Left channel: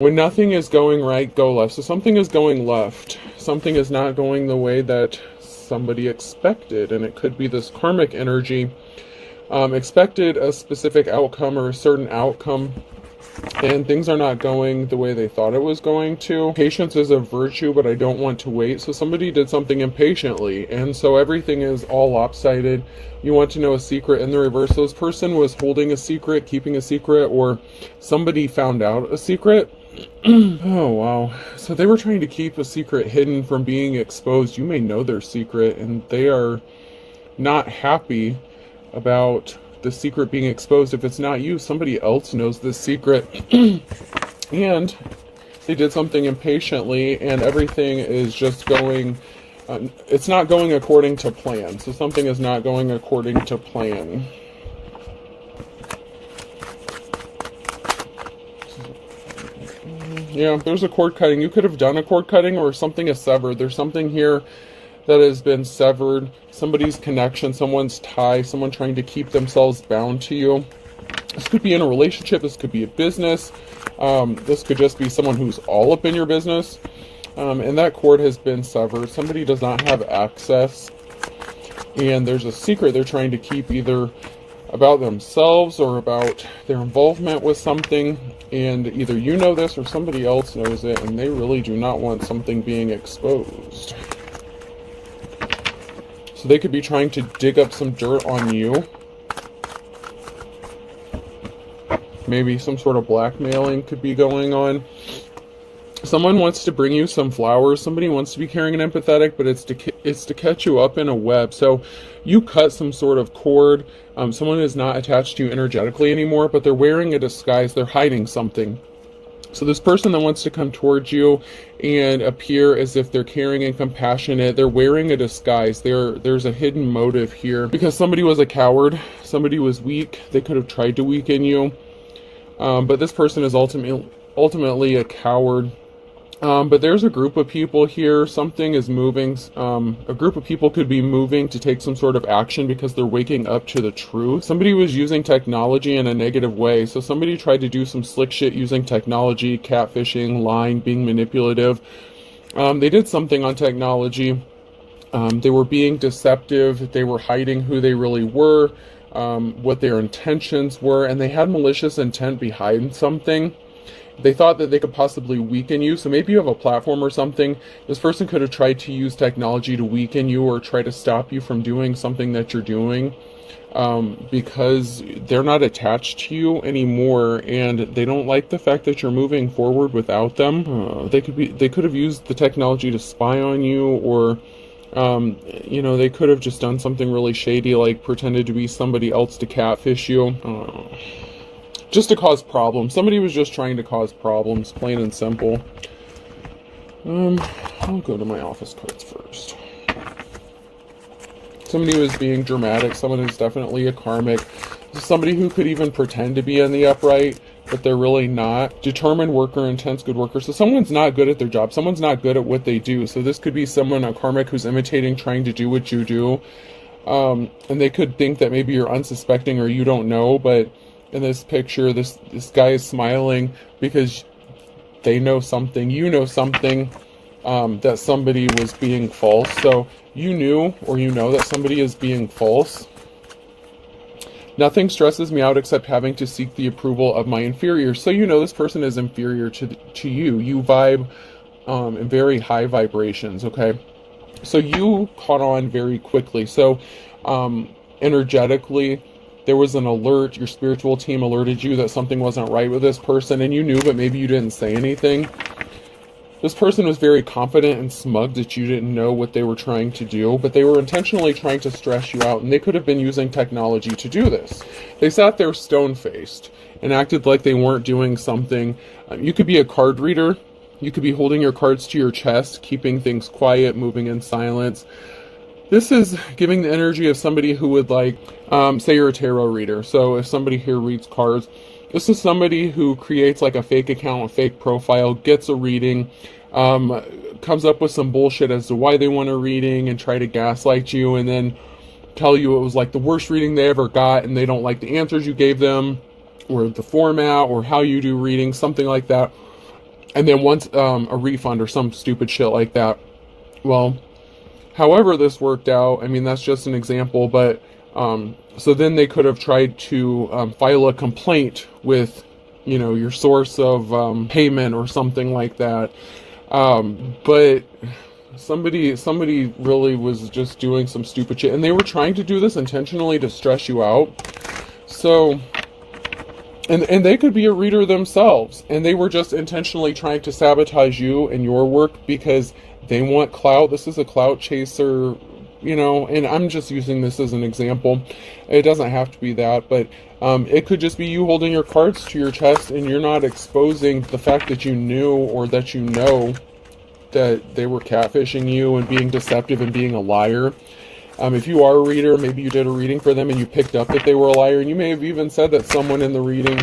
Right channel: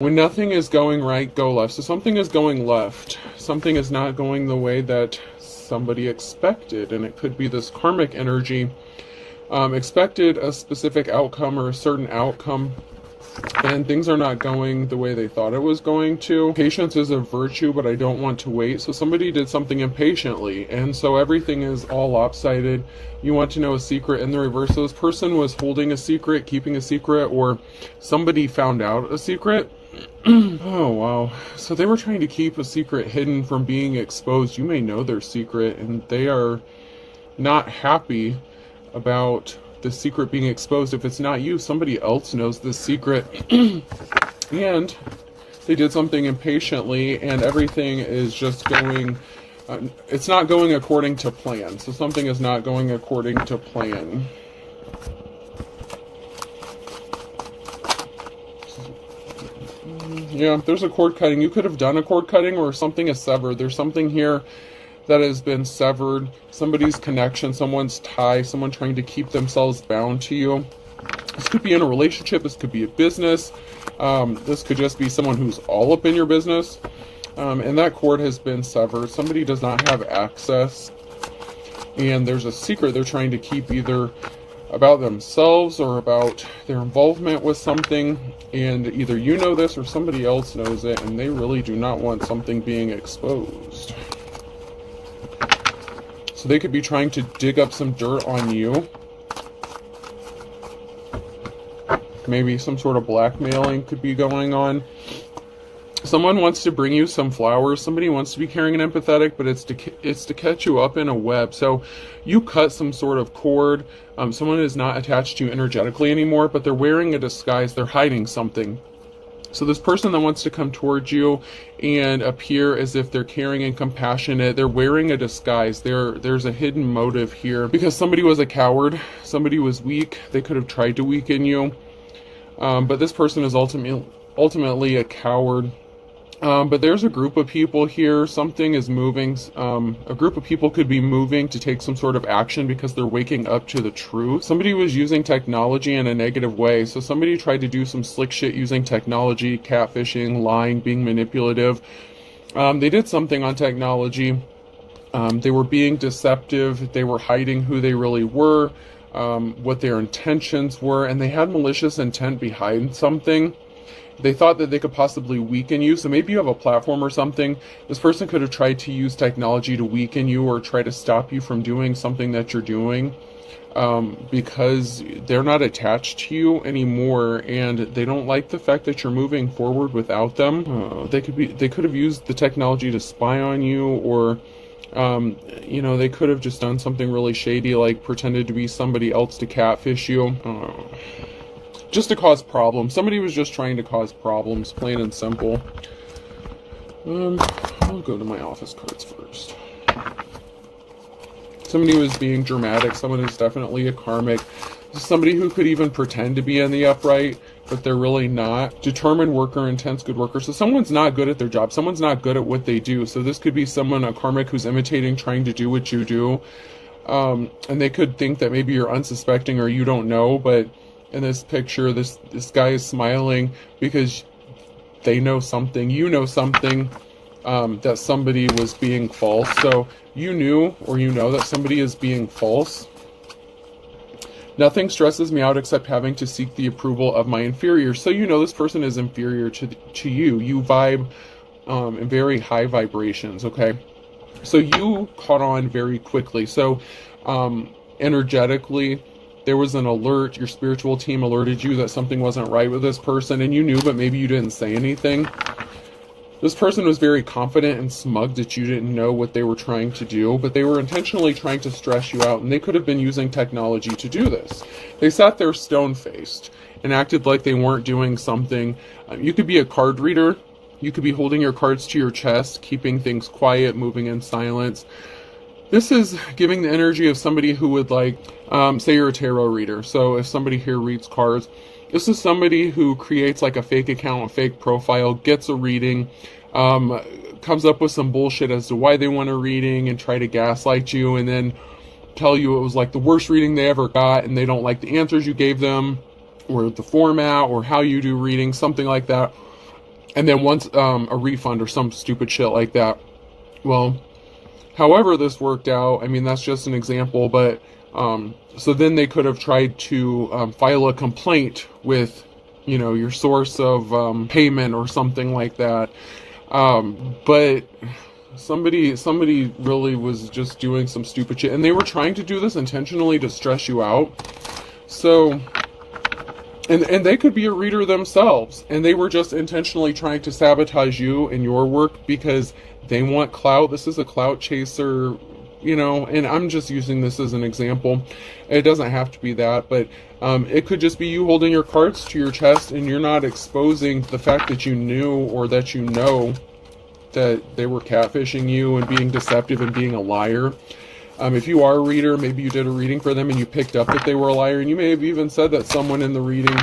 When nothing is going right, go left. So something is going left. Something is not going the way that somebody expected. And it could be this karmic energy. Expected a specific outcome or a certain outcome, and things are not going the way they thought it was going to. Patience is a virtue, but I don't want to wait. So somebody did something impatiently, and so everything is all lopsided. You want to know a secret in the reverse. So this person was holding a secret, keeping a secret, or somebody found out a secret. Oh, wow. So they were trying to keep a secret hidden from being exposed. You may know their secret, and they are not happy about the secret being exposed. If it's not you, somebody else knows this secret. And they did something impatiently, and everything is just going, it's not going according to plan. So something is not going according to plan. Yeah, there's a cord cutting. You could have done a cord cutting, or something is severed. There's something here that has been severed. Somebody's connection, someone's tie, someone trying to keep themselves bound to you. This could be in a relationship. This could be a business. This could just be someone who's all up in your business. And that cord has been severed. Somebody does not have access. And there's a secret they're trying to keep, either about themselves or about their involvement with something. And either you know this or somebody else knows it. And they really do not want something being exposed. So they could be trying to dig up some dirt on you. Maybe some sort of blackmailing could be going on. Someone wants to bring you some flowers. Somebody wants to be caring and empathetic, but it's to catch you up in a web. So you cut some sort of cord. Someone is not attached to you energetically anymore, but they're wearing a disguise. They're hiding something. So this person that wants to come towards you and appear as if they're caring and compassionate, they're wearing a disguise. There's a hidden motive here, because somebody was a coward. Somebody was weak. They could have tried to weaken you. But this person is ultimately a coward. But there's a group of people here. Something is moving. A group of people could be moving to take some sort of action because they're waking up to the truth. Somebody was using technology in a negative way. So somebody tried to do some slick shit using technology, catfishing, lying, being manipulative. They did something on technology. They were being deceptive. They were hiding who they really were, what their intentions were, and they had malicious intent behind something. They thought that they could possibly weaken you. So maybe you have a platform or something. This person could have tried to use technology to weaken you or try to stop you from doing something that you're doing, because they're not attached to you anymore, and they don't like the fact that you're moving forward without them. They could have used the technology to spy on you, or they could have just done something really shady, like pretended to be somebody else to catfish you. Just to cause problems. Somebody was just trying to cause problems, plain and simple. I'll go to my office cards first. Somebody was being dramatic. Someone who's definitely a karmic. Somebody who could even pretend to be in the upright, but they're really not. Determined worker, intense good worker. So someone's not good at their job. Someone's not good at what they do. So this could be someone, a karmic, who's imitating, trying to do what you do. And they could think that maybe you're unsuspecting or you don't know, but in this picture, this guy is smiling because they know something, you know something, that somebody was being false. So you knew, or you know, that somebody is being false. Nothing stresses me out except having to seek the approval of my inferiors. So you know this person is inferior to you. You vibe in very high vibrations, okay? So you caught on very quickly. So energetically, there was an alert. Your spiritual team alerted you that something wasn't right with this person, and you knew, but maybe you didn't say anything. This person was very confident and smug that you didn't know what they were trying to do, but they were intentionally trying to stress you out, and they could have been using technology to do this. They sat there stone-faced and acted like they weren't doing something. You could be a card reader. You could be holding your cards to your chest, keeping things quiet, moving in silence. This is giving the energy of somebody who would say you're a tarot reader. So if somebody here reads cards, this is somebody who creates like a fake account, a fake profile, gets a reading, comes up with some bullshit as to why they want a reading and try to gaslight you, and then tell you it was like the worst reading they ever got, and they don't like the answers you gave them, or the format, or how you do readings, something like that. and then wants a refund or some stupid shit like that. Well, however this worked out, I mean, that's just an example, but so then they could have tried to file a complaint with, you know, your source of payment or something like that. But somebody really was just doing some stupid shit, and they were trying to do this intentionally to stress you out. So, and they could be a reader themselves, and they were just intentionally trying to sabotage you and your work because they want clout. This is a clout chaser, you know, and I'm just using this as an example. It doesn't have to be that, but it could just be you holding your cards to your chest and you're not exposing the fact that you knew or that you know that they were catfishing you and being deceptive and being a liar. If you are a reader, maybe you did a reading for them and you picked up that they were a liar, and you may have even said that someone in the reading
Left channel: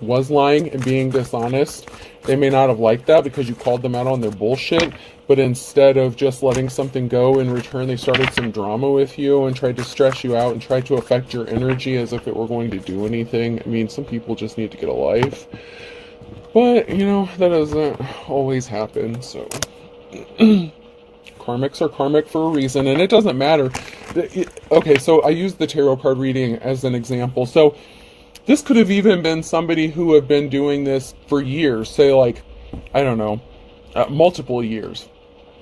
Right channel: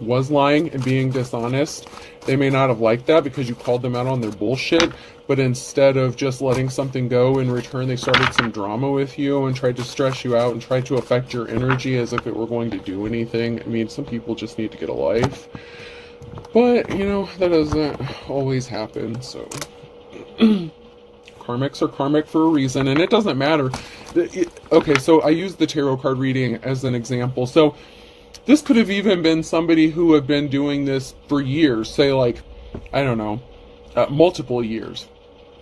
was lying and being dishonest. They may not have liked that because you called them out on their bullshit, but instead of just letting something go, in return they started some drama with you and tried to stress you out and tried to affect your energy as if it were going to do anything. I mean, some people just need to get a life, but you know, that doesn't always happen. So karmics are karmic for a reason, and it doesn't matter. Okay, so I used the tarot card reading as an example. So this could have even been somebody who had been doing this for years, say like, I don't know, multiple years.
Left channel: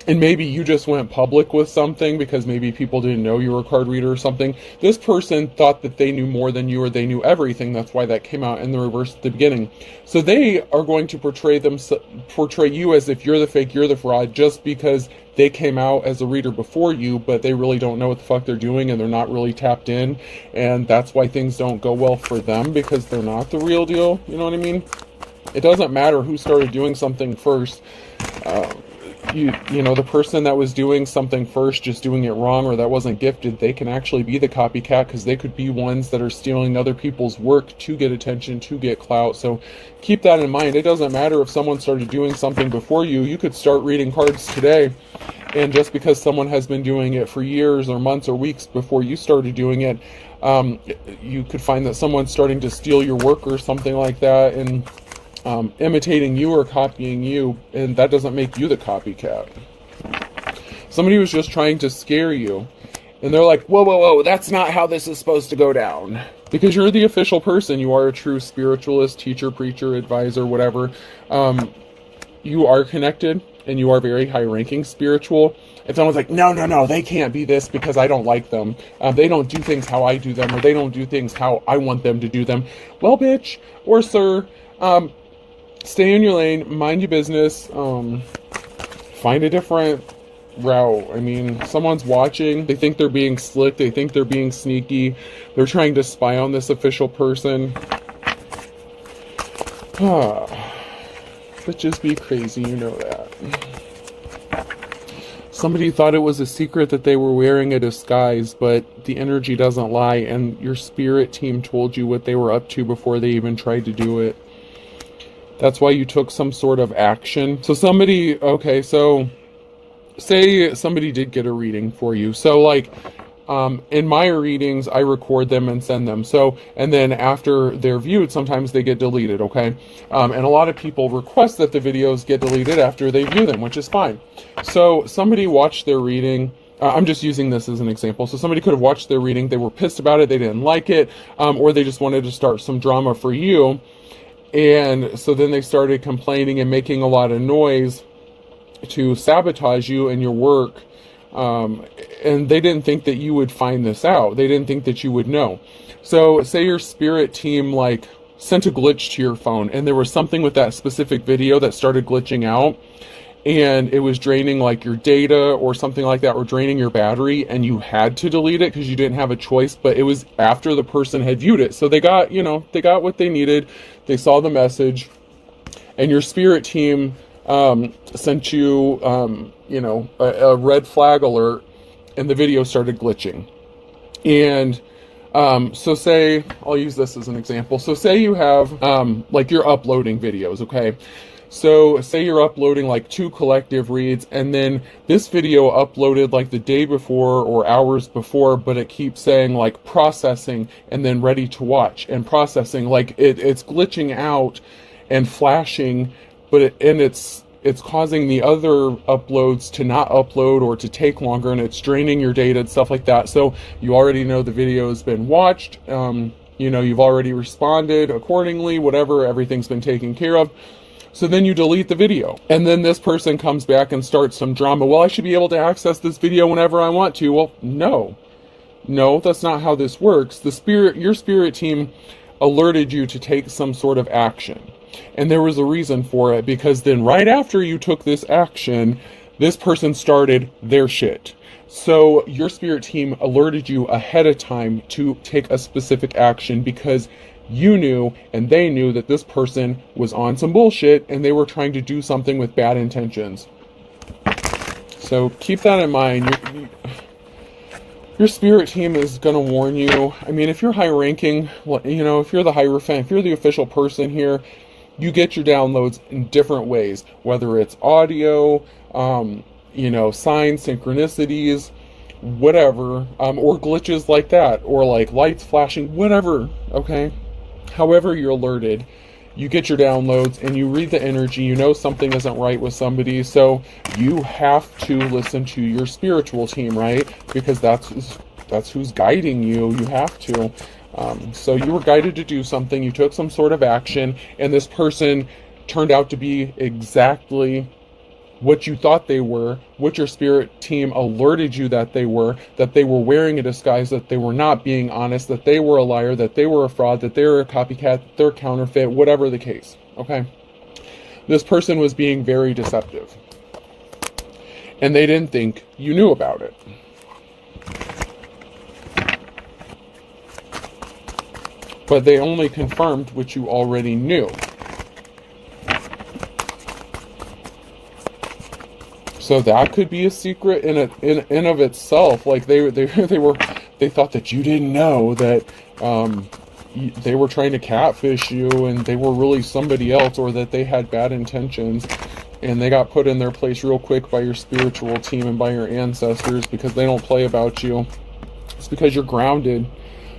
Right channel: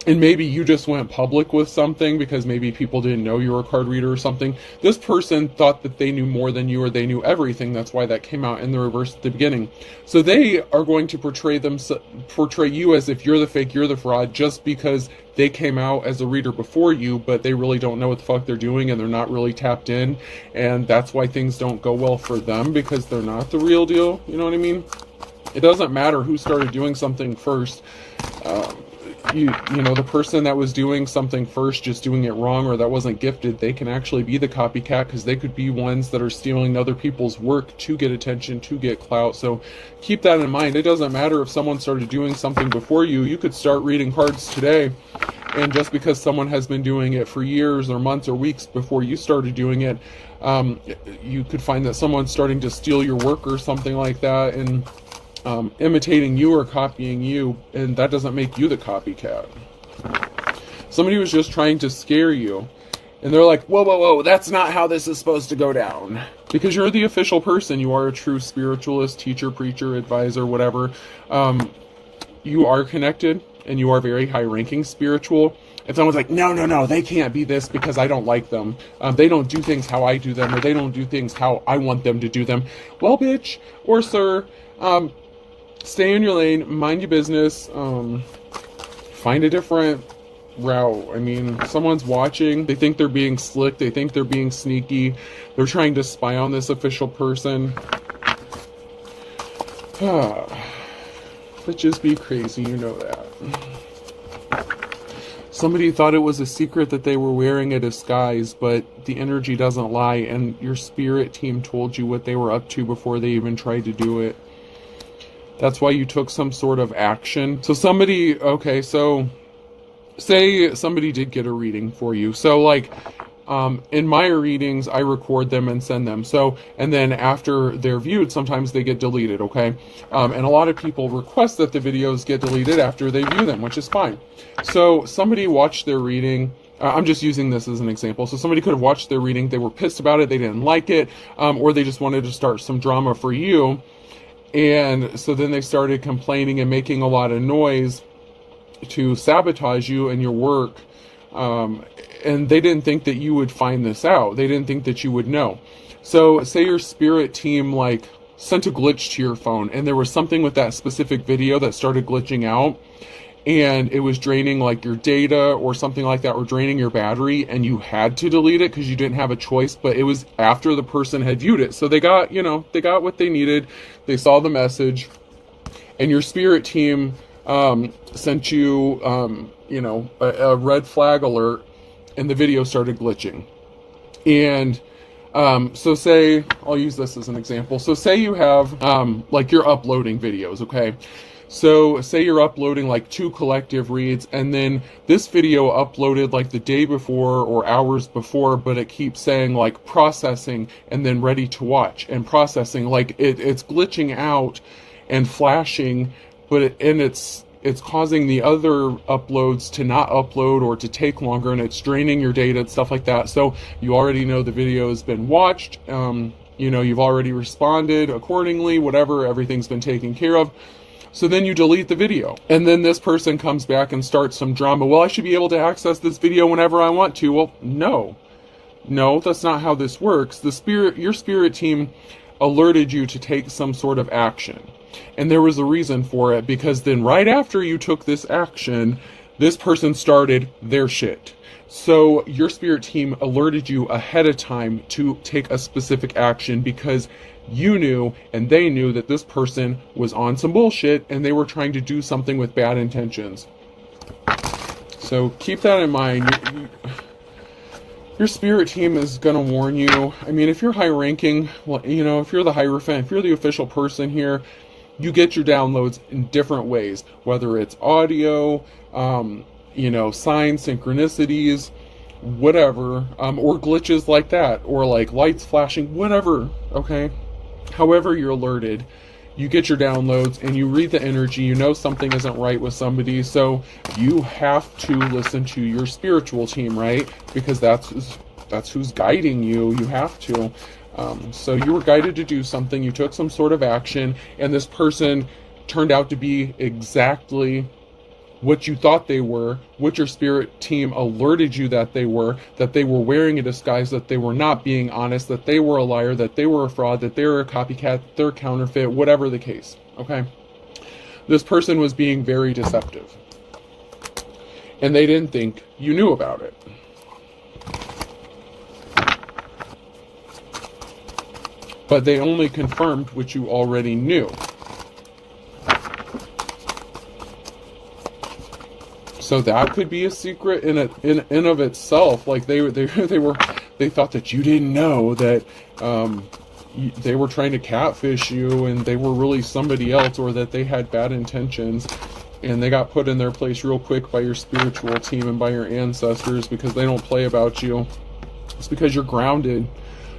And maybe you just went public with something because maybe people didn't know you were a card reader or something. This person thought that they knew more than you, or they knew everything. That's why that came out in the reverse at the beginning. So they are going to portray you as if you're the fake, you're the fraud, just because they came out as a reader before you, but they really don't know what the fuck they're doing and they're not really tapped in. And that's why things don't go well for them, because they're not the real deal. You know what I mean? It doesn't matter who started doing something first. You know, the person that was doing something first, just doing it wrong, or that wasn't gifted, they can actually be the copycat, because they could be ones that are stealing other people's work to get attention, to get clout. So keep that in mind. It doesn't matter if someone started doing something before you. You could start reading cards today, and just because someone has been doing it for years or months or weeks before you started doing it, you could find that someone's starting to steal your work or something like that, and imitating you or copying you, and that doesn't make you the copycat. Somebody was just trying to scare you, and they're like, whoa, whoa, whoa, that's not how this is supposed to go down. Because you're the official person. You are a true spiritualist, teacher, preacher, advisor, whatever. You are connected, and you are very high-ranking spiritual. If someone's like, no, no, no, they can't be this because I don't like them. They don't do things how I do them, or they don't do things how I want them to do them. Well, bitch, or sir, stay in your lane, mind your business, find a different route. I mean, someone's watching, they think they're being slick, they think they're being sneaky, they're trying to spy on this official person. Bitches be crazy, you know that. Somebody thought it was a secret that they were wearing a disguise, but the energy doesn't lie, and your spirit team told you what they were up to before they even tried to do it. That's why you took some sort of action. So somebody, okay, so say somebody did get a reading for you. So like, in my readings, I record them and send them. So, and then after they're viewed, sometimes they get deleted, okay? And a lot of people request that the videos get deleted after they view them, which is fine. So somebody watched their reading. I'm just using this as an example. So somebody could have watched their reading, they were pissed about it, they didn't like it, or they just wanted to start some drama for you. And so then they started complaining and making a lot of noise to sabotage you and your work. And they didn't think that you would find this out. They didn't think that you would know. So say your spirit team like sent a glitch to your phone, and there was something with that specific video that started glitching out, and it was draining like your data or something like that, or draining your battery, and you had to delete it because you didn't have a choice, but it was after the person had viewed it. So they got, you know, they got what they needed. They saw the message, and your spirit team sent you, you know, a red flag alert, and the video started glitching. And so say, I'll use this as an example. So say you have, like you're uploading videos, okay? So say you're uploading like 2 collective reads, and then this video uploaded like the day before or hours before, but it keeps saying like processing and then ready to watch and processing. Like it's glitching out and flashing, and it's causing the other uploads to not upload or to take longer, and it's draining your data and stuff like that. So you already know the video has been watched. You've already responded accordingly, whatever, everything's been taken care of. So then you delete the video. And then this person comes back and starts some drama. Well, I should be able to access this video whenever I want to. Well, no, that's not how this works. Your spirit team alerted you to take some sort of action. And there was a reason for it, because then right after you took this action, this person started their shit. So your spirit team alerted you ahead of time to take a specific action, because you knew and they knew that this person was on some bullshit and they were trying to do something with bad intentions. So keep that in mind. Your spirit team is going to warn you. I mean, if you're high ranking, if you're the Hierophant, if you're the official person here, you get your downloads in different ways, whether it's audio, signs, synchronicities, whatever, or glitches like that, or like lights flashing, whatever, okay? However you're alerted, you get your downloads and you read the energy, you know something isn't right with somebody, so you have to listen to your spiritual team, right? Because that's who's guiding you. You have to. So you were guided to do something, you took some sort of action, and this person turned out to be exactly what you thought they were, what your spirit team alerted you that they were wearing a disguise, that they were not being honest, that they were a liar, that they were a fraud, that they were a copycat, they're counterfeit, whatever the case, okay? This person was being very deceptive. And they didn't think you knew about it. But they only confirmed what you already knew. So that could be a secret in of itself. Like they thought that you didn't know that they were trying to catfish you and they were really somebody else, or that they had bad intentions, and they got put in their place real quick by your spiritual team and by your ancestors, because they don't play about you. It's because you're grounded.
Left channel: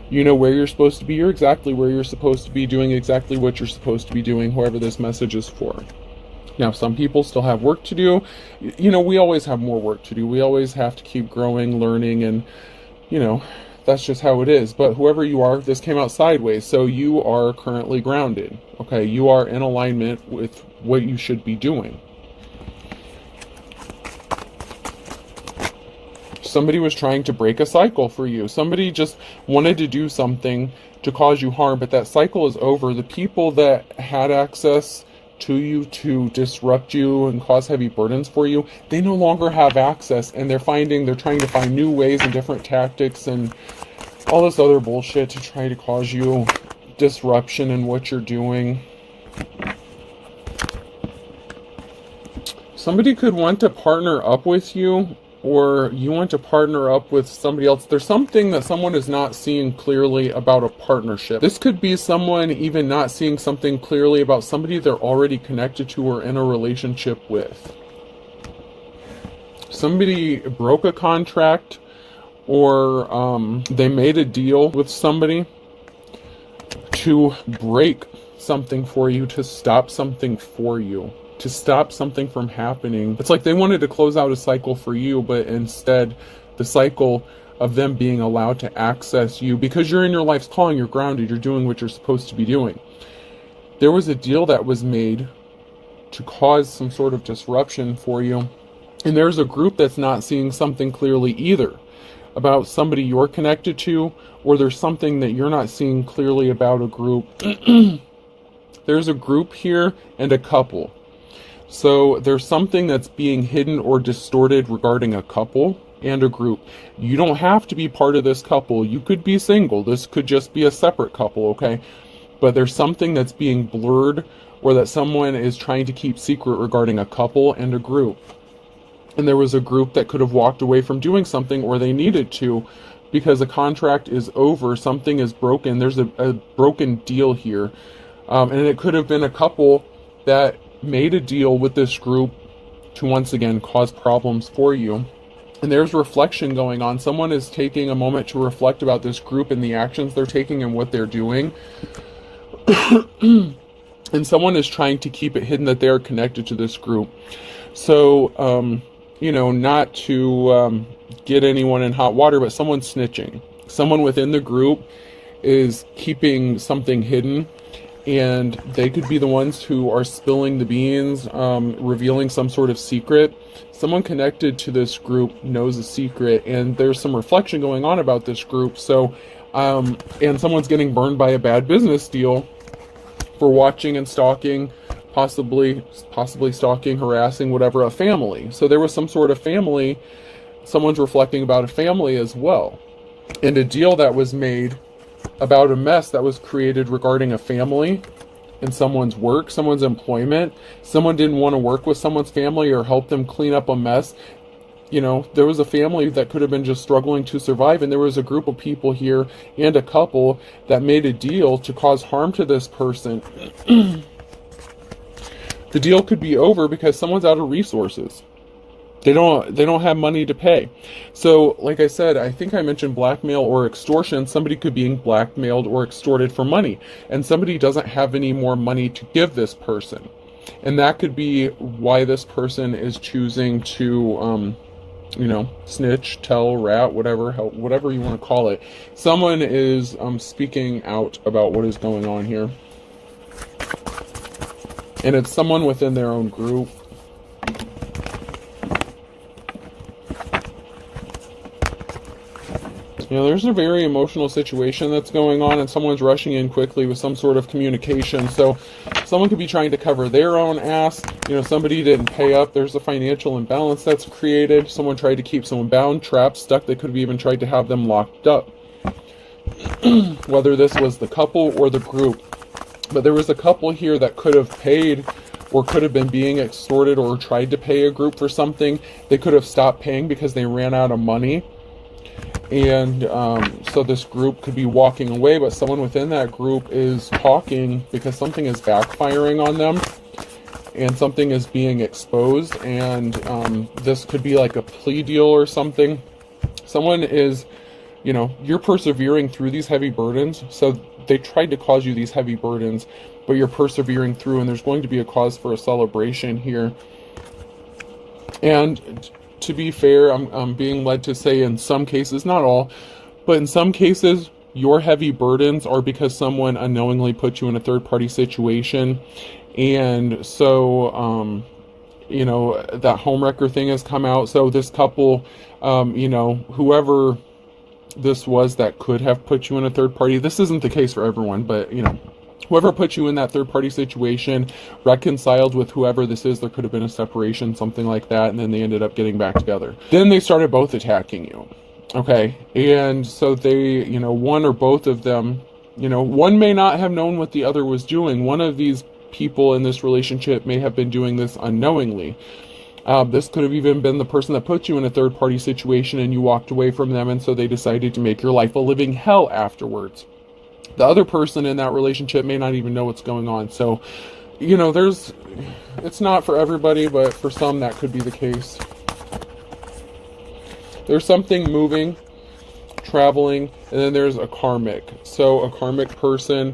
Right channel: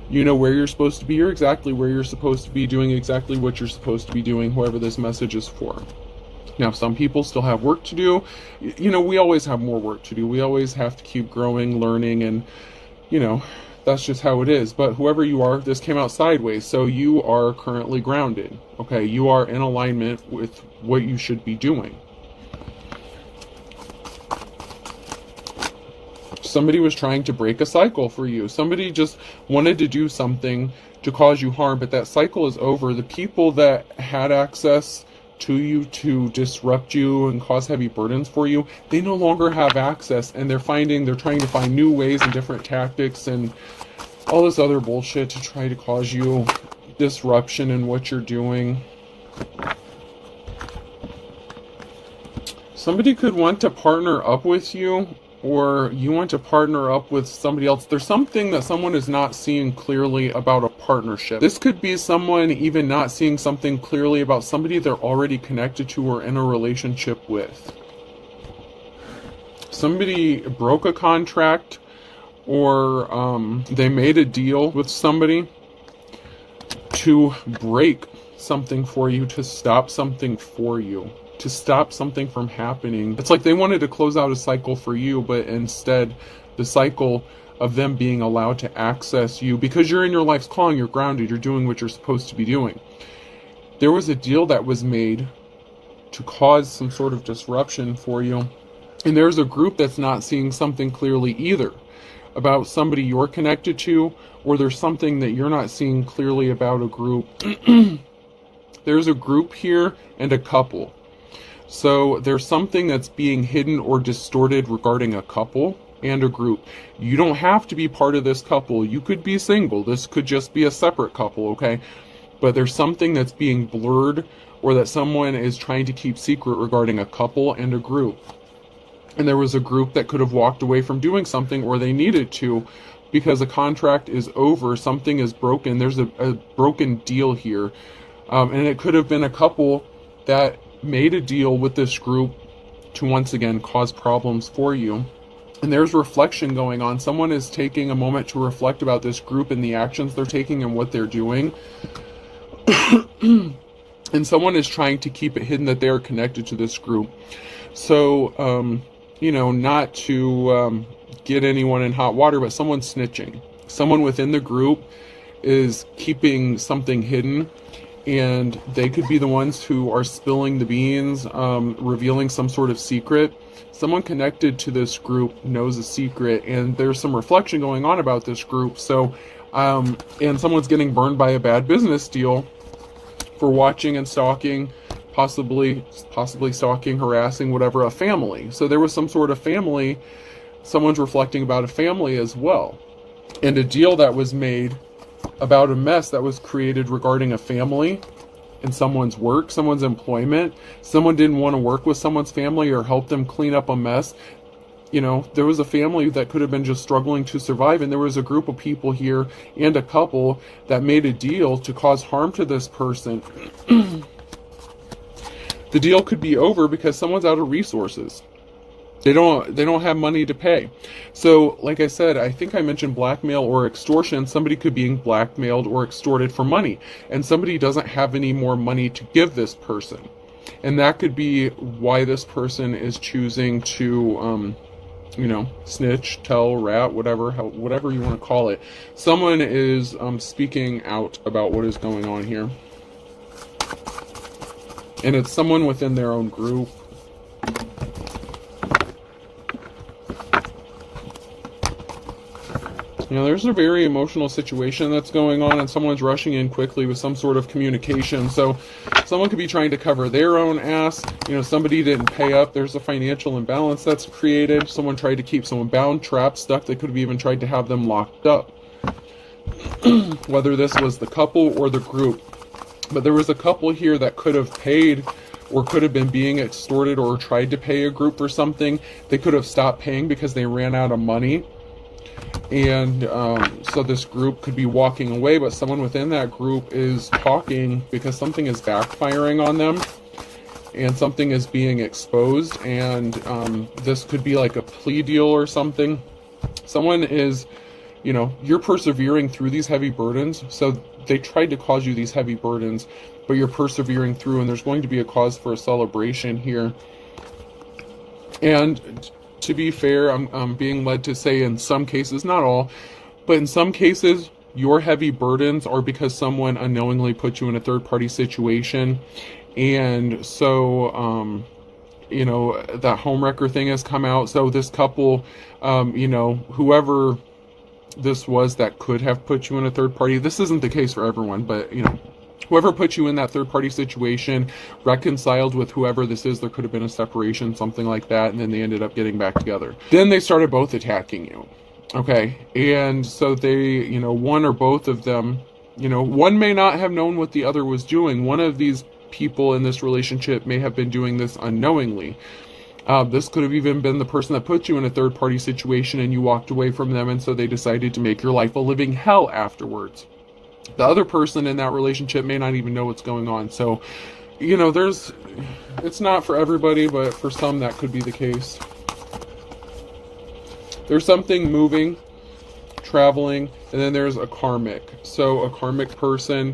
You know where you're supposed to be. You're exactly where you're supposed to be, doing exactly what you're supposed to be doing, whoever this message is for. Now, some people still have work to do. We always have more work to do. We always have to keep growing, learning, and, that's just how it is. But whoever you are, this came out sideways. So you are currently grounded. Okay, you are in alignment with what you should be doing. Somebody was trying to break a cycle for you. Somebody just wanted to do something to cause you harm, but that cycle is over. The people that had access to you to disrupt you and cause heavy burdens for you, they no longer have access, and they're trying to find new ways and different tactics and all this other bullshit to try to cause you disruption in what you're doing. Somebody could want to partner up with you, or you want to partner up with somebody else. There's something that someone is not seeing clearly about a partnership. This could be someone even not seeing something clearly about somebody they're already connected to or in a relationship with. Somebody broke a contract, or they made a deal with somebody to break something for you, to stop something for you, to stop something from happening. It's like they wanted to close out a cycle for you, but instead the cycle of them being allowed to access you, because you're in your life's calling, you're grounded, you're doing what you're supposed to be doing. There was a deal that was made to cause some sort of disruption for you, and there's a group that's not seeing something clearly either about somebody you're connected to, or there's something that you're not seeing clearly about a group. There's a group here and a couple. So there's something that's being hidden or distorted regarding a couple and a group. You don't have to be part of this couple. You could be single. This could just be a separate couple, okay? But there's something that's being blurred, or that someone is trying to keep secret regarding a couple and a group. And there was a group that could have walked away from doing something, or they needed to, because a contract is over, something is broken. There's a broken deal here. And it could have been a couple that made a deal with this group to once again cause problems for you. And there's reflection going on. Someone is taking a moment to reflect about this group and the actions they're taking and what they're doing. and someone is trying to keep it hidden that they're connected to this group. So, not to get anyone in hot water, but someone's snitching. Someone within the group is keeping something hidden, and they could be the ones who are spilling the beans, revealing some sort of secret. Someone connected to this group knows a secret, and there's some reflection going on about this group. So, and someone's getting burned by a bad business deal for watching and stalking, possibly stalking, harassing, whatever, a family. So there was some sort of family. Someone's reflecting about a family as well, and a deal that was made about a mess that was created regarding a family and someone's work, someone's employment. Someone didn't want to work with someone's family or help them clean up a mess. There was a family that could have been just struggling to survive, and there was a group of people here and a couple that made a deal to cause harm to this person. The deal could be over because someone's out of resources. They don't have money to pay. So, like I said, I think I mentioned blackmail or extortion. Somebody could be blackmailed or extorted for money, and somebody doesn't have any more money to give this person. And that could be why this person is choosing to, snitch, tell, rat, whatever you want to call it. Someone is speaking out about what is going on here. And it's someone within their own group. There's a very emotional situation that's going on, and someone's rushing in quickly with some sort of communication. So someone could be trying to cover their own ass. Somebody didn't pay up. There's a financial imbalance that's created. Someone tried to keep someone bound, trapped, stuck. They could have even tried to have them locked up. Whether this was the couple or the group. But there was a couple here that could have paid or could have been being extorted or tried to pay a group for something. They could have stopped paying because they ran out of money. And so this group could be walking away, but someone within that group is talking because something is backfiring on them and something is being exposed. And this could be like a plea deal or something. Someone is, you're persevering through these heavy burdens. So they tried to cause you these heavy burdens, but you're persevering through, and there's going to be a cause for a celebration here. And to be fair, I'm being led to say in some cases, not all, but in some cases, your heavy burdens are because someone unknowingly put you in a third-party situation. And so, that homewrecker thing has come out. So this couple, whoever this was that could have put you in a third party, this isn't the case for everyone, but, whoever put you in that third-party situation reconciled with whoever this is. There could have been a separation, something like that, and then they ended up getting back together. Then they started both attacking you, okay? And so they, one or both of them, one may not have known what the other was doing. One of these people in this relationship may have been doing this unknowingly. This could have even been the person that put you in a third-party situation and you walked away from them, and so they decided to make your life a living hell afterwards. The other person in that relationship may not even know what's going on. So, it's not for everybody, but for some that could be the case. There's something moving, traveling, and then there's a karmic. So a karmic person,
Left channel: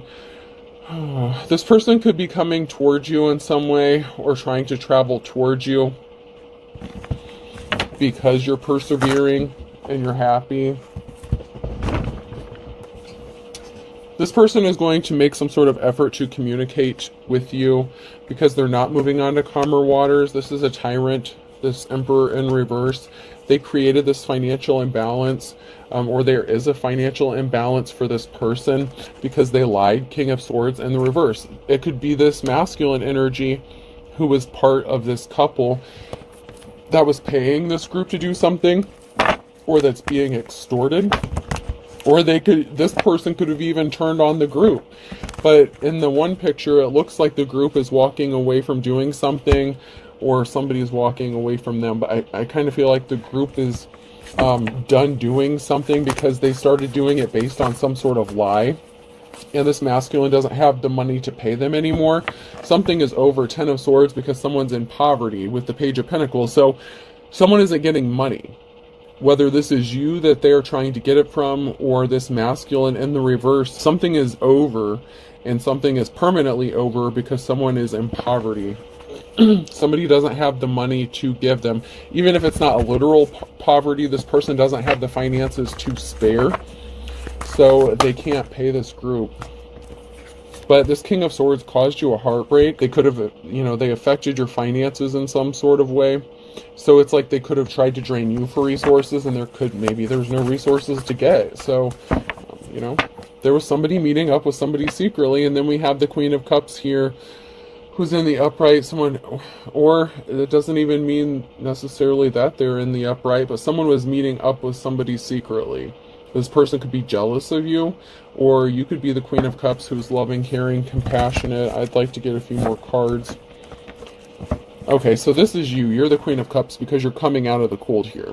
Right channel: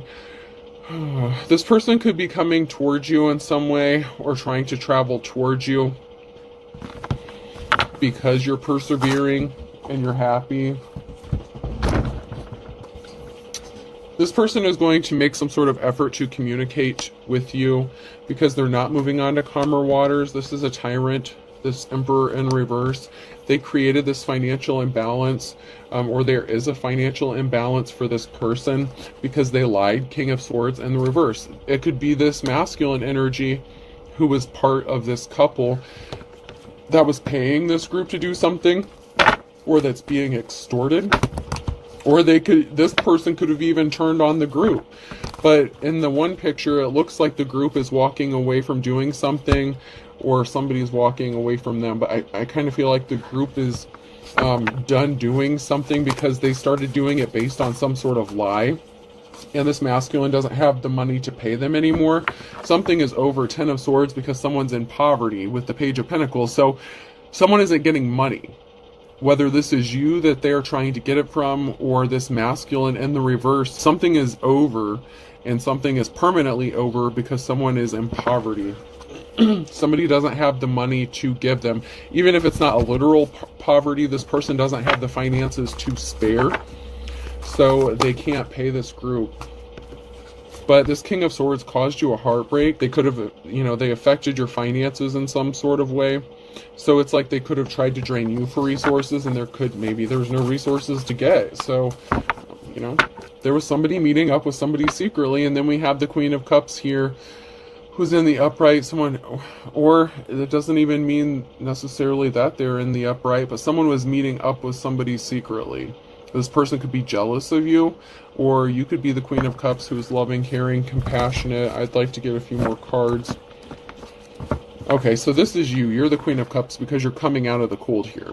this person could be coming towards you in some way or trying to travel towards you because you're persevering and you're happy. This person is going to make some sort of effort to communicate with you because they're not moving on to calmer waters. This is a tyrant, this emperor in reverse. They created this financial imbalance, or there is a financial imbalance for this person because they lied, King of Swords, in the reverse. It could be this masculine energy who was part of this couple that was paying this group to do something, or that's being extorted. Or this person could have even turned on the group. But in the one picture, it looks like the group is walking away from doing something, or somebody's walking away from them. But I kind of feel like the group is done doing something because they started doing it based on some sort of lie. And this masculine doesn't have the money to pay them anymore. Something is over. 10 of Swords because someone's in poverty with the Page of Pentacles. So someone isn't getting money. Whether this is you that they're trying to get it from or this masculine in the reverse, something is over and something is permanently over because someone is in poverty. Somebody doesn't have the money to give them. Even if it's not a literal poverty, this person doesn't have the finances to spare, so they can't pay this group. But this King of Swords caused you a heartbreak. They could have, they affected your finances in some sort of way. So it's like they could have tried to drain you for resources, and maybe there was no resources to get. So, there was somebody meeting up with somebody secretly, and then we have the Queen of Cups here, who's in the upright. Or it doesn't even mean necessarily that they're in the upright, but someone was meeting up with somebody secretly. This person could be jealous of you, or you could be the Queen of Cups who's loving, caring, compassionate. I'd like to get a few more cards. Okay, so this is you. You're the Queen of Cups because you're coming out of the cold here.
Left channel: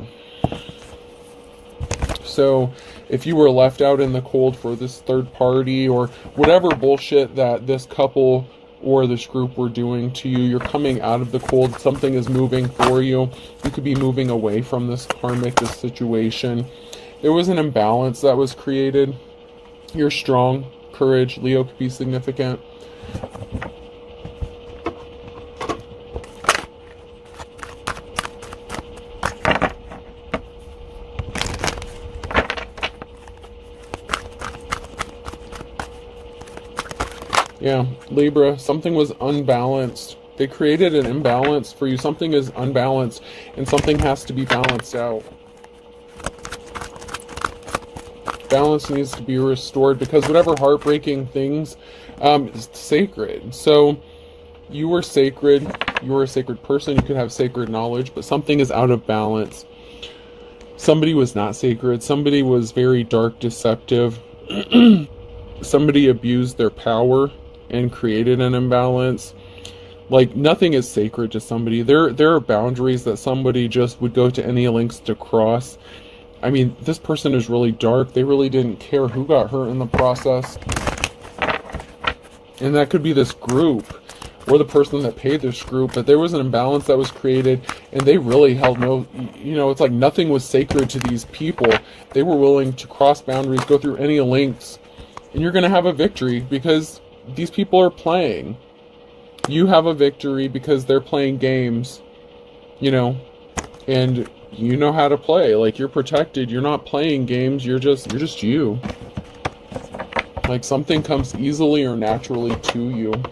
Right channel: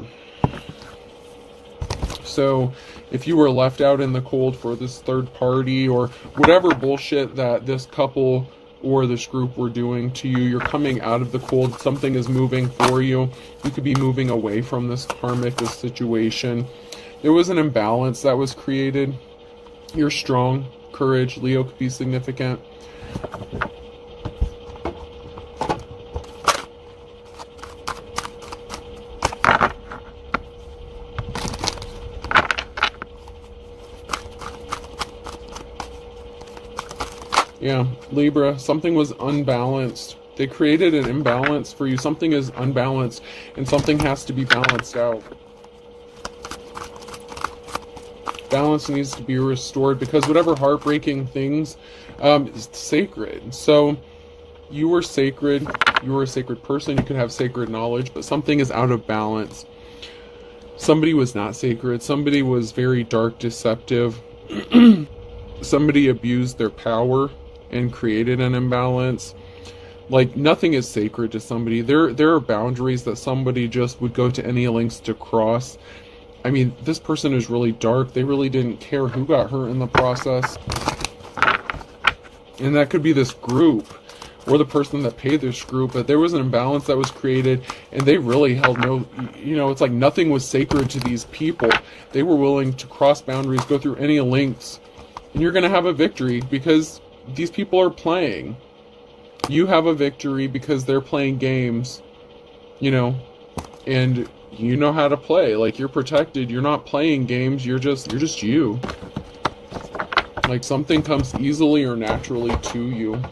So if you were left out in the cold for this third party or whatever bullshit that this couple or this group were doing to you, you're coming out of the cold. Something is moving for you. You could be moving away from this karmic, this situation. There was an imbalance that was created. You're strong. Courage. Leo could be significant. Yeah, Libra, something was unbalanced. They created an imbalance for you. Something is unbalanced, and something has to be balanced out. Balance needs to be restored because whatever heartbreaking things is sacred. So you were sacred. You were a sacred person. You could have sacred knowledge, but something is out of balance. Somebody was not sacred. Somebody was very dark, deceptive. Somebody abused their power and created an imbalance. Like, nothing is sacred to somebody. There are boundaries that somebody just would go to any lengths to cross. I mean, this person is really dark. They really didn't care who got hurt in the process. And that could be this group or the person that paid this group. But there was an imbalance that was created, and they really held no, it's like nothing was sacred to these people. They were willing to cross boundaries, go through any lengths. And you're going to have a victory because these people are playing. You have a victory because they're playing games, and you know how to play. Like, you're protected. You're not playing games. You're just you. Like, something comes easily or naturally to you.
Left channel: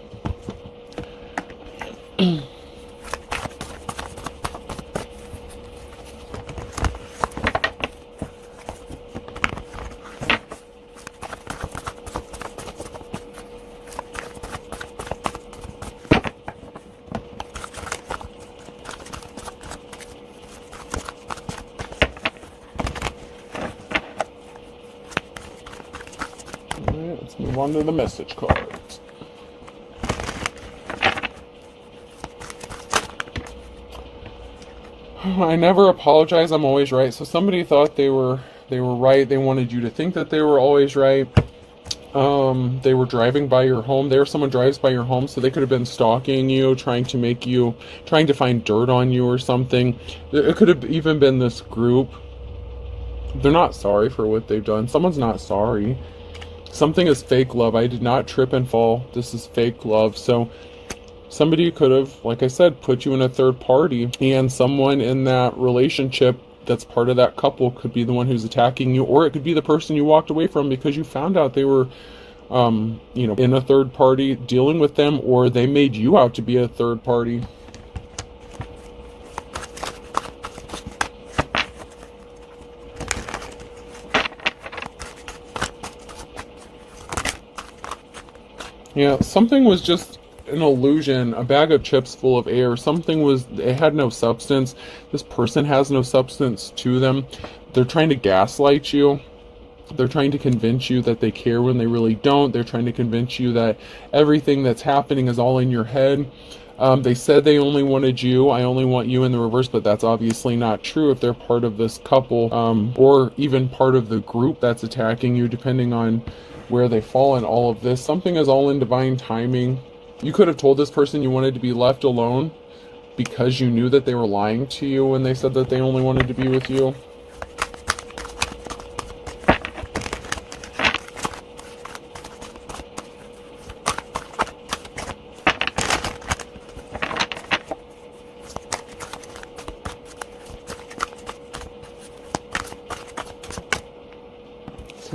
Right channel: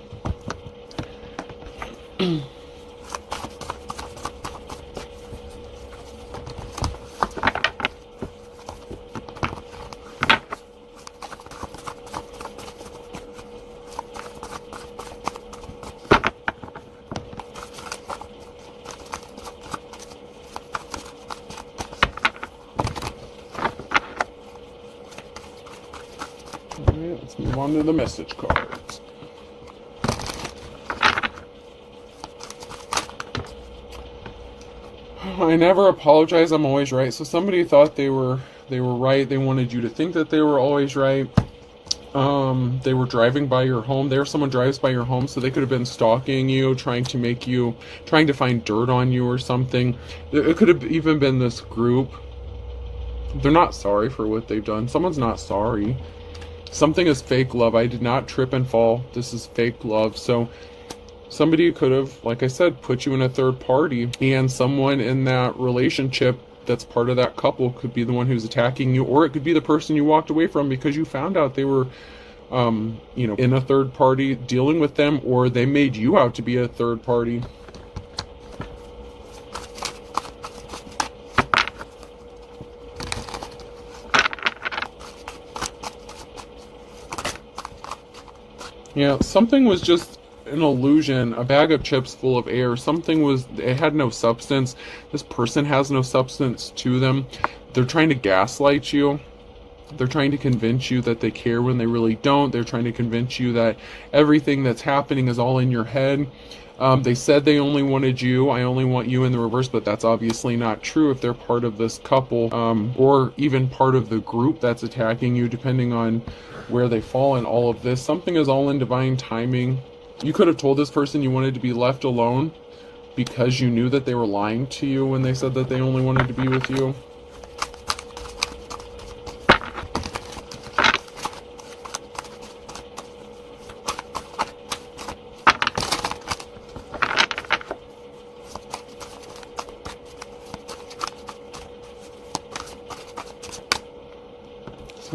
Let's move on to the message cards. I never apologize. I'm always right. So somebody thought they were right. They wanted you to think that they were always right. They were driving by your home. Someone drives by your home, so they could have been stalking you, trying to find dirt on you or something. It could have even been this group. They're not sorry for what they've done. Someone's not sorry. Something is fake love. I did not trip and fall. This is fake love. So somebody could have, like I said, put you in a third party, and someone in that relationship that's part of that couple could be the one who's attacking you, or it could be the person you walked away from because you found out they were, in a third party dealing with them, or they made you out to be a third party. Yeah, something was just an illusion, a bag of chips full of air. It had no substance. This person has no substance to them. They're trying to gaslight you. They're trying to convince you that they care when they really don't. They're trying to convince you that everything that's happening is all in your head. They said they only wanted you. I only want you in the reverse, but that's obviously not true if they're part of this couple, or even part of the group that's attacking you, depending on where they fall in all of this. Something is all in divine timing. You could have told this person you wanted to be left alone because you knew that they were lying to you when they said that they only wanted to be with you.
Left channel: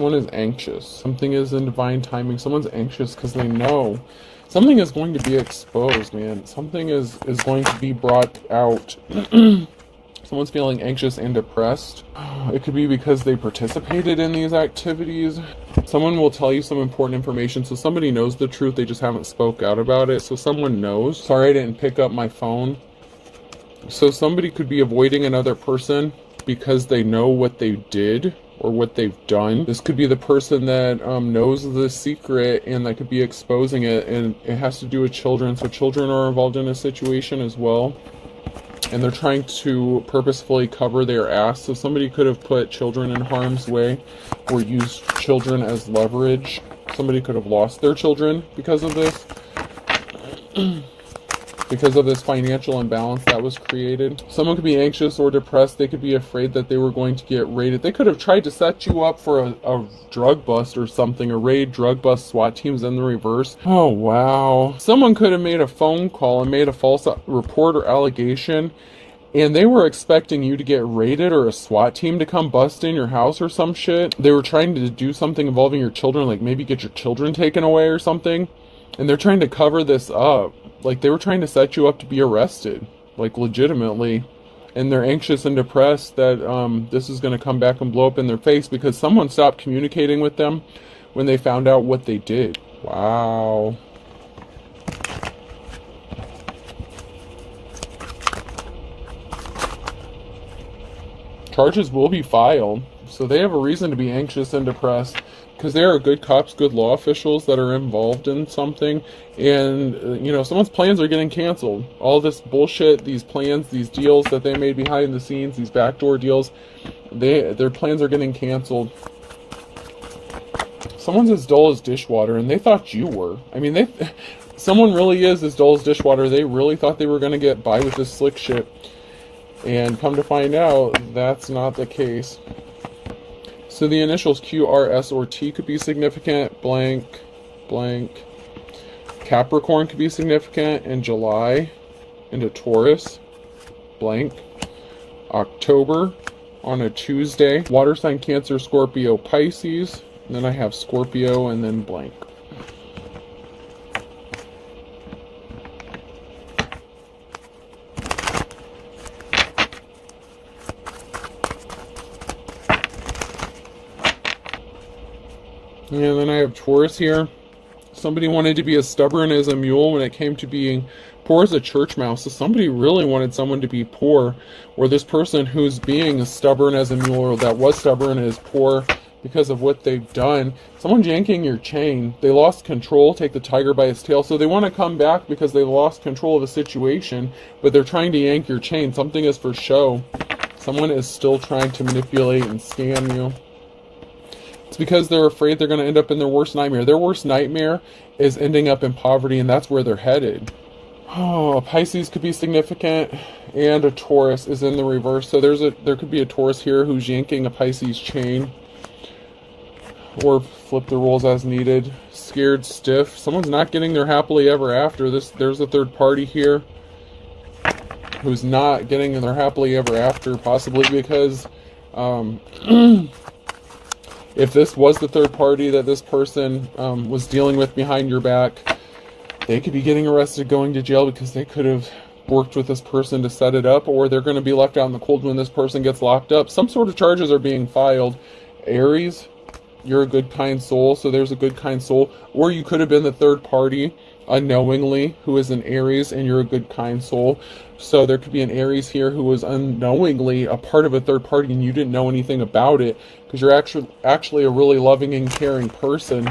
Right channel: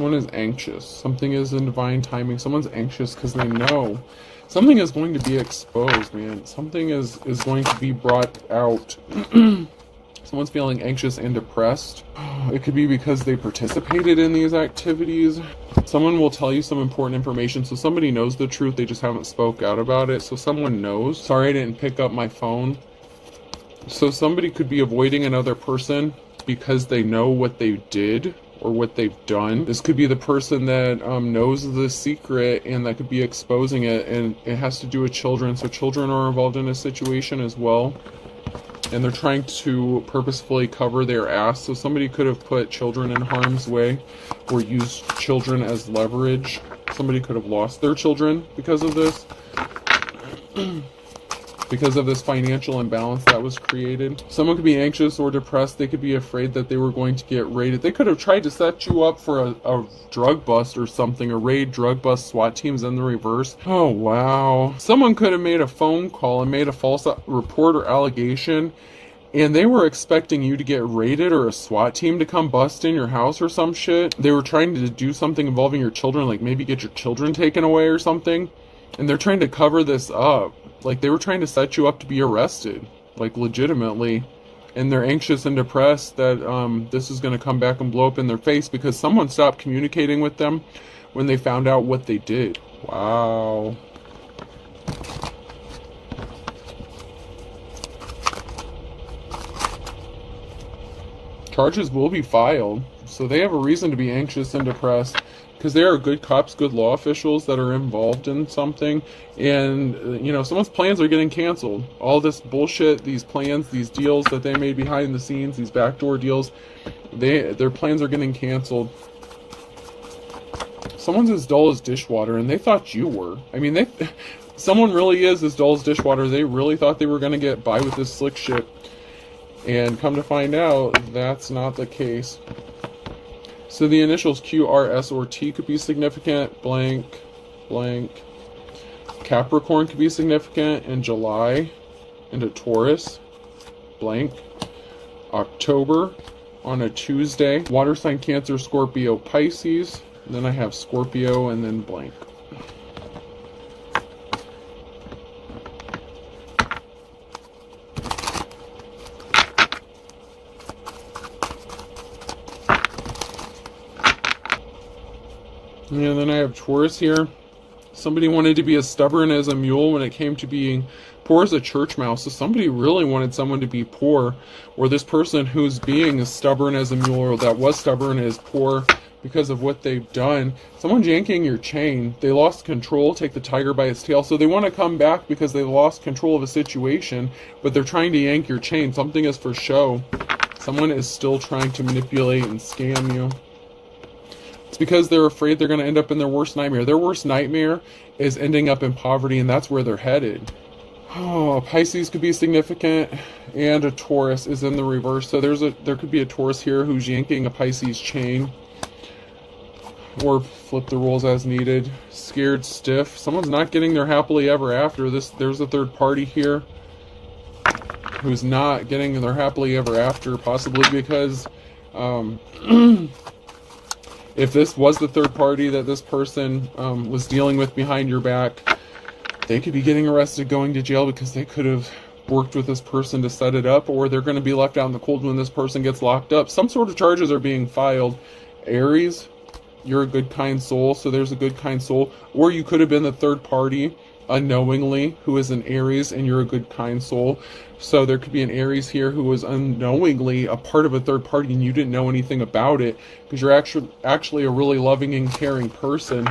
Someone is anxious. Something is in divine timing. Someone's anxious because they know something is going to be exposed, man. Something is going to be brought out. Someone's feeling anxious and depressed. It could be because they participated in these activities. Someone will tell you some important information. So somebody knows the truth. They just haven't spoke out about it. So someone knows. Sorry, I didn't pick up my phone. So somebody could be avoiding another person because they know what they did or what they've done. This could be the person that knows the secret and that could be exposing it. And it has to do with children. So children are involved in a situation as well. And they're trying to purposefully cover their ass. So somebody could have put children in harm's way or used children as leverage. Somebody could have lost their children because of this. Because of this financial imbalance that was created. Someone could be anxious or depressed. They could be afraid that they were going to get raided. They could have tried to set you up for a drug bust or something. A raid, drug bust, SWAT teams in the reverse. Oh, wow. Someone could have made a phone call and made a false report or allegation. And they were expecting you to get raided or a SWAT team to come bust in your house or some shit. They were trying to do something involving your children, like maybe get your children taken away or something. And they're trying to cover this up. Like, they were trying to set you up to be arrested, like, legitimately. And they're anxious and depressed that this is going to come back and blow up in their face because someone stopped communicating with them when they found out what they did. Wow. Charges will be filed, so they have a reason to be anxious and depressed. Because there are good cops, good law officials that are involved in something. And, you know, someone's plans are getting canceled. All this bullshit, these plans, these deals that they made behind the scenes, these backdoor deals, their plans are getting canceled. Someone's as dull as dishwater, and they thought you were. I mean, someone really is as dull as dishwater. They really thought they were going to get by with this slick shit. And come to find out, that's not the case. So the initials Q, R, S, or T could be significant. Blank, blank. Capricorn could be significant in July into Taurus. Blank. October on a Tuesday. Water sign Cancer, Scorpio, Pisces. And then I have Scorpio and then blank. And then I have Taurus here. Somebody wanted to be as stubborn as a mule when it came to being poor as a church mouse. So somebody really wanted someone to be poor. Or this person who's being as stubborn as a mule or that was stubborn is poor because of what they've done. Someone's yanking your chain. They lost control, take the tiger by its tail. So they want to come back because they lost control of the situation. But they're trying to yank your chain. Something is for show. Someone is still trying to manipulate and scam you. It's because they're afraid they're going to end up in their worst nightmare. Their worst nightmare is ending up in poverty, and that's where they're headed. Oh, Pisces could be significant, and a Taurus is in the reverse. So there could be a Taurus here who's yanking a Pisces chain. Or flip the rules as needed. Scared stiff. Someone's not getting their happily ever after. There's a third party here who's not getting their happily ever after, possibly because if this was the third party that this person was dealing with behind your back, they could be getting arrested, going to jail because they could have worked with this person to set it up, or they're going to be left out in the cold when this person gets locked up. Some sort of charges are being filed. Aries, you're a good, kind soul, so there's a good, kind soul. Or you could have been the third party unknowingly who is an Aries and you're a good, kind soul. So there could be an Aries here who was unknowingly a part of a third party and you didn't know anything about it because you're actually a really loving and caring person.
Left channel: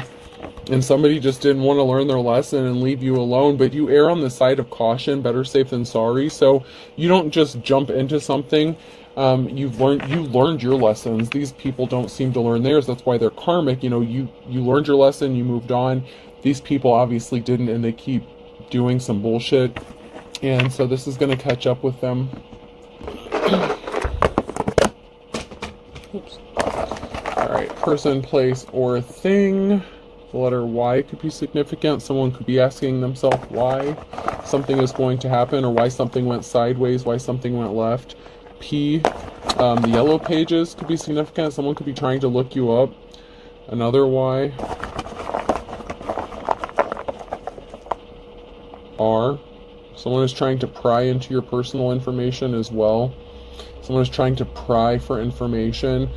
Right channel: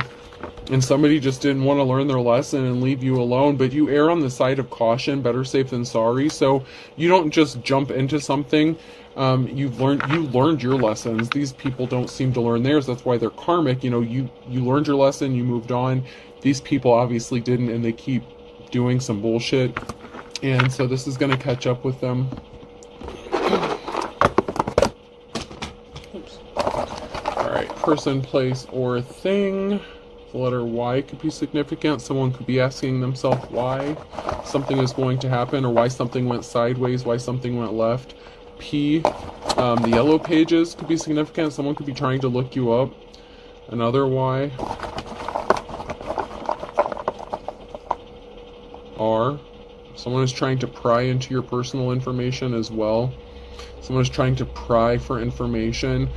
And somebody just didn't want to learn their lesson and leave you alone. But you err on the side of caution, better safe than sorry. So you don't just jump into something. You've learned your lessons. These people don't seem to learn theirs. That's why they're karmic. You know, you learned your lesson, you moved on. These people obviously didn't, and they keep doing some bullshit. And so this is going to catch up with them. Oops. Alright, person, place, or thing. The letter Y could be significant. Someone could be asking themselves why something is going to happen, or why something went sideways, why something went left. P, the yellow pages could be significant. Someone could be trying to look you up. Another Y. R. Someone is trying to pry into your personal information as well. Someone is trying to pry for information.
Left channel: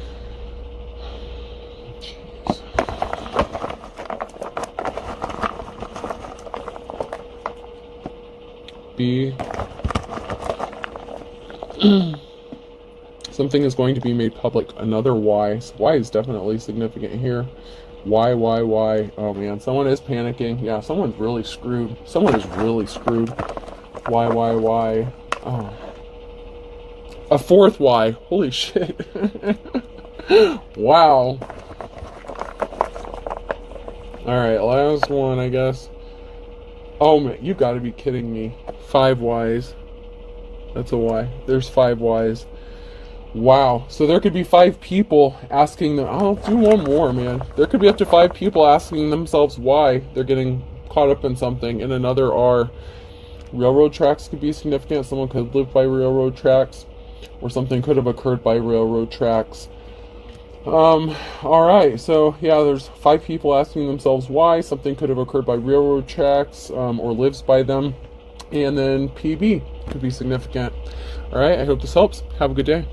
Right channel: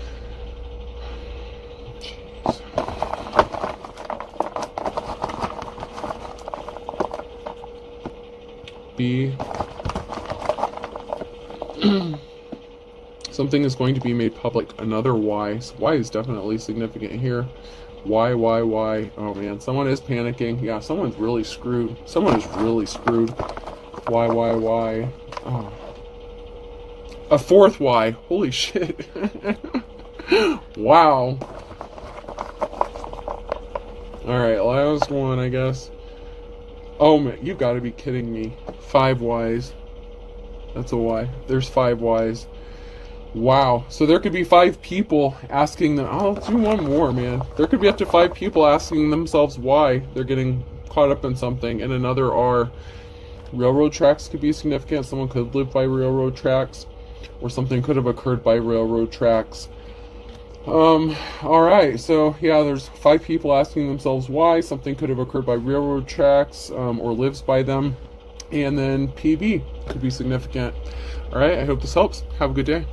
Jeez. B. Something is going to be made public. Another Y. So Y is definitely significant here. Y. Oh man, someone is panicking. Yeah, someone's really screwed. Someone is really screwed. Y. Oh. A fourth Y. Holy shit. Wow. Alright, last one, I guess. Oh man, you gotta be kidding me. 5 Ys. That's a Y. There's 5 Ys. Wow. So there could be 5 people asking them. Oh, let's do one more, man. There could be up to 5 people asking themselves why they're getting caught up in something. And another R. Railroad tracks could be significant. Someone could live by railroad tracks, or something could have occurred by railroad tracks. Alright, so yeah, there's 5 people asking themselves why something could have occurred by railroad tracks, or lives by them. And then PB could be significant. Alright, I hope this helps. Have a good day.